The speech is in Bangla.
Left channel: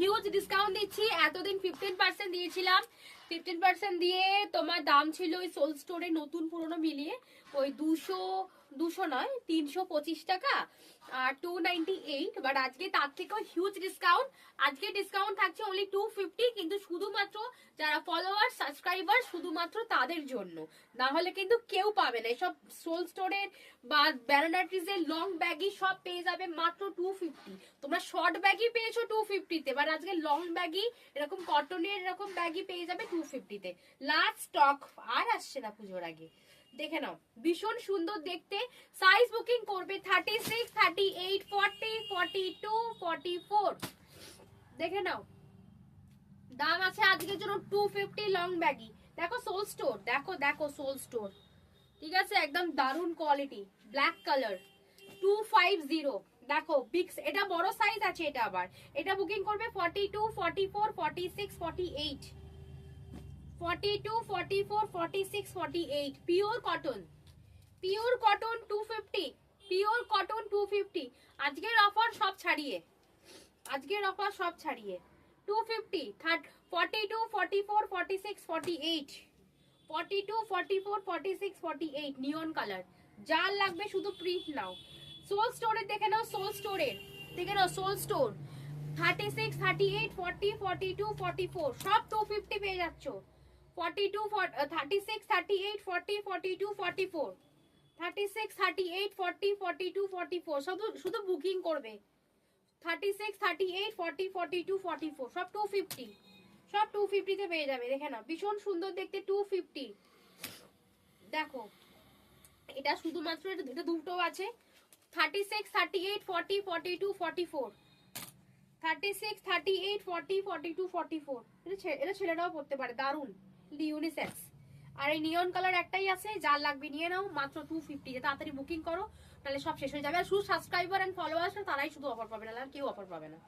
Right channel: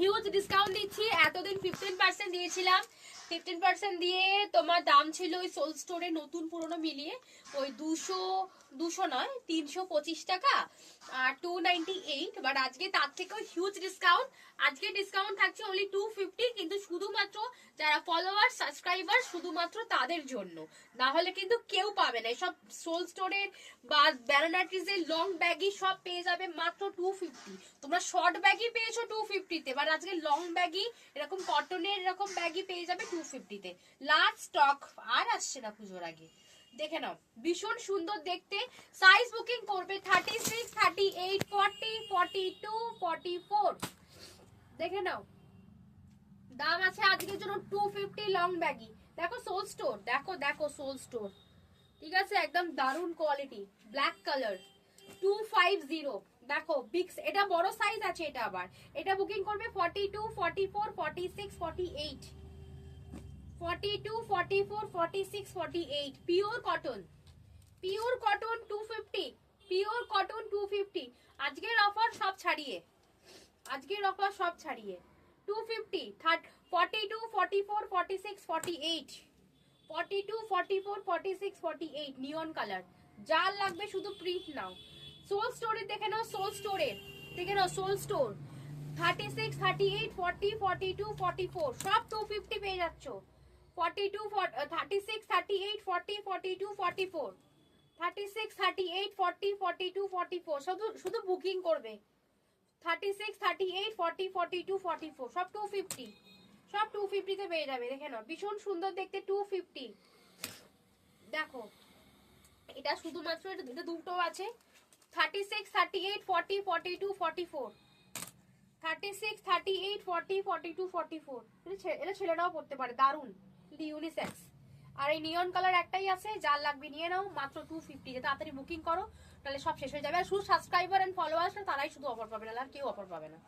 হিউজ ডিসকাউন্ট দিচ্ছি। এতদিন 15% দিয়েছিলাম, 15% দিয়ে তোমার দাম ছিল ওই সোল স্টোরে নতুন পুরনো মিলিয়ে ওই 200 নয় 325 টাকা আর 298, বাট আজকে তার থেকেও হিউজ ডিসকাউন্ট। আজকে ডিসকাউন্ট থাকছে অনলি 250, কিন্তু শুধুমাত্র যারা ফলোয়ার সাবস্ক্রাইবার শুধুমাত্র তাদের জন্য, না হলে কিন্তু কেউ পাবে না। সব সোল স্টোরের বা ব্যারোনাট্রিজের লং ব্যাগই সব পেয়ে যাবে মাত্র 250। তোমরা শর্ট ব্যাগই পেয়েছো 250 তে, বাট আজকে লং ব্যাগই এরকম কটনের এরকম ব্যাগই পেয়ে যাবে 250 তে। লাস্ট স্টক আর আসছে না পুজোর আগে। দেখে নাও, ভীষণ সুন্দর দেখতে। সাইজ বুকিং করবে 36, 38, 40, 42, 44। দেখে নাও, দাম আছে আজকের জন্য 250 লং ব্যাগি। দেখো সোল স্টোর, দেখো দেখো সোল স্টোর, ঠিক আছে, একদম দারুন কোয়ালিটি, ব্ল্যাক কালার 250। দেখো বিক্স, এটা বড় সাইজ আছে। এটা আবার এটা বুকিং করবে 42, 44, 46, 48, 42, 44, 46, 48। Pure cotton, pure cotton 250, pure cotton 250। আজকের অফার সব ছাড়িয়ে, আজকের অফার সব ছাড়িয়ে 250, 42, 44, 46, 48, 42, 44, 46, 48 নিয়ন কালার। যার লাগবে শুধু প্রিন্ট নাও। সোল স্টোরে দেখে নাও, সোল স্টোরে দেখে নাও, সোল স্টোর 36, 38, 40, 42, 44 সব 250 পেয়ে যাচ্ছ। 42, 36, 38, 40, 42, 44, 36, 38, 40, 42, 44 শুধু শুধু বুকিং করবে। 36, 38, 40, 42, 44 সব 250, সব 250 তে পেয়ে যাবে। দেখে নাও, ভীষণ সুন্দর দেখতে 250। দেখো এটা শুধুমাত্র এটা দুটো আছে। 36, 38, 40, 42, 44, 36, 38, 40, 42, 44। এটা ছেলেরাও পড়তে পারে, দারুন ইউনিসেক্স। আর এই নিয়ন কালার একটাই আছে, যার লাগবে নিয়ে নাও মাত্র 250। তাড়াতাড়ি বুকিং করো, তাহলে সব শেষ হয়ে যাবে। আর শুধু সাবস্ক্রাইবার এন্ড ফলোয়ার্স তারাই শুধু অফার পাবে না, আর কেউ অফার পাবে না।